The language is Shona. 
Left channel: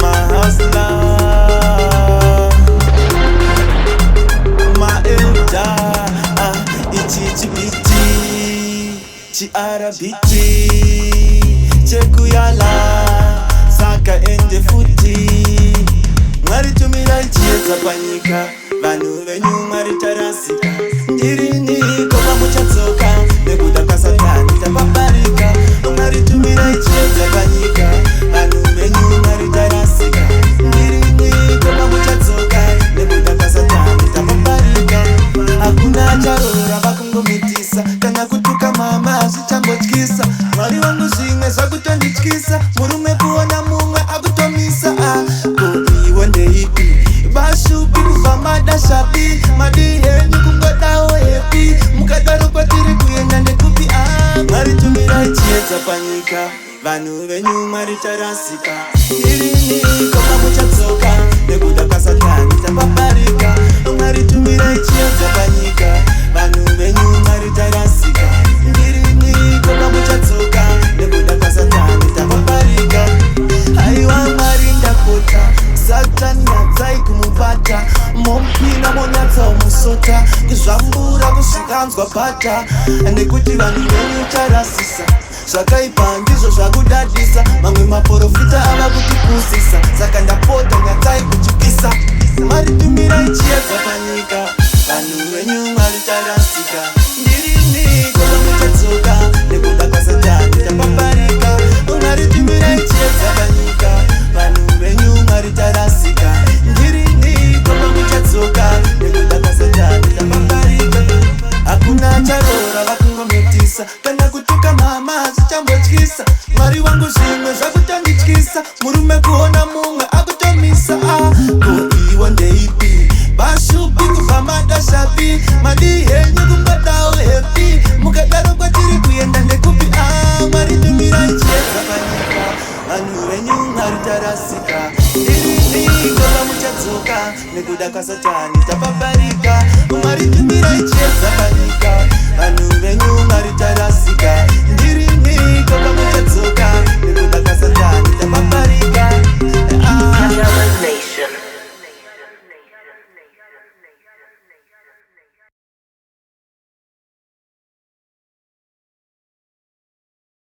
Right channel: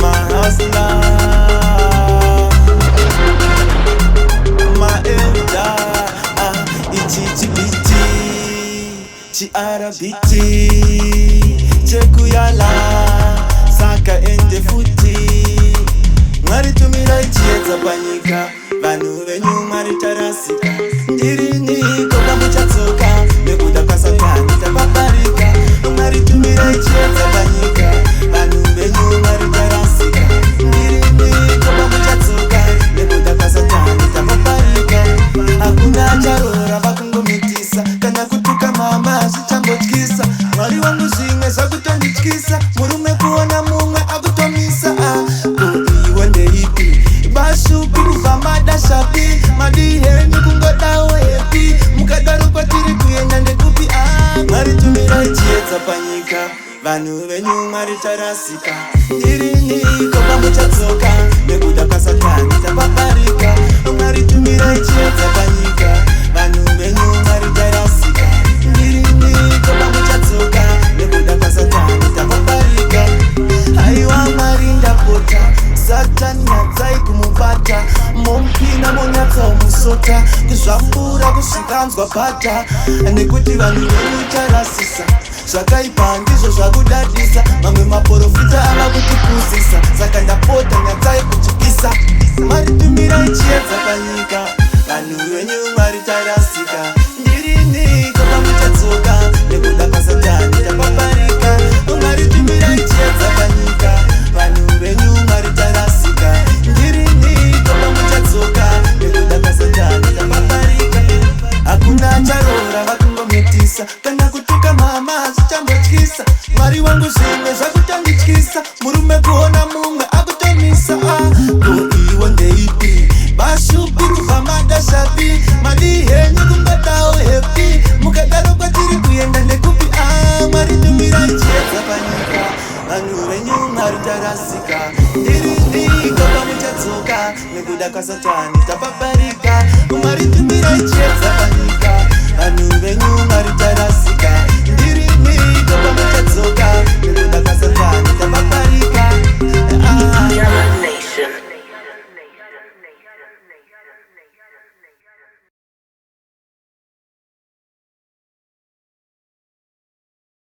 Mahasla, maeuda, ichichibiti, chiarabiti, chekuyala, saka ende futi. Mwari tumira ichiedza panyika, vanhu venyu mwari tarasika. Ndiriniko pamuchatsoka, nekuda kwaSatani tapaparika. Mwari tumira ichiedza panyika, vanhu venyu mwari tarasika. Ndiriniko pamuchatsoka, nekuda kwaSatani tapaparika. Hakuna acharora vakungomitisa, kana kutuka mama zvichambotyisa. Mwari wangu zvimwe zvakutondityisa, murume kuona mumwe akutomisa. Ko iwo ndeipi bashupi kubva madashapi, madi henyu kungodawo hepi, mukadaro kwatiri kuenda ndekupi? Mwari tumira ichiedza panyika, vanhu venyu mwari tarasika. Ndiriniko pamuchatsoka, nekuda kwaSatani tapaparika. Mwari tumira ichiedza panyika, vanhu venyu mwari tarasika. Ndiriniko pamuchatsoka, nekuda kwaSatani tapaparika. Haiwa Mwari ndapota, Satani nyatsai kumubata, mompina monyatsaomusota, kuzvambura kusvikanzwa bhata, nekuti vanhu venyu charasisa. Zvakaipa ndizvo zvakudadisa, mamwe maprofita ava kutipusisa, saka ndapota nyatsai kuchipisa. Mwari tumira ichiedza panyika, vanhu venyu mwari tarasika. Ndiriniko pamuchatsoka, nekuda kwaSatani tapaparika. Mwari tumira ichiedza panyika, vanhu venyu mwari tarasika. Ndiriniko pamuchatsoka, nekuda kwaSatani tapaparika. Hakuna acharora vakungomitisa, kana kutuka mama zvichambotyisa. Mwari wangu zvimwe zvakutondityisa, murume kuona mumwe akutomisa. Ko iwo ndeipi bashupi kubva madashapi, madi henyu kungodawo hepi, mukadaro kwatiri kuenda ndekupi? Mwari tumira ichiedza panyika, vanhu venyu mwari tarasika. Ndiriniko pamuchatsoka, nekuda kwaSatani tapaparika. Mwari tumira ichiedza panyika, vanhu venyu mwari tarasika. Ndiriniko pamuchatsoka, nekuda kwaSatani tapaparika.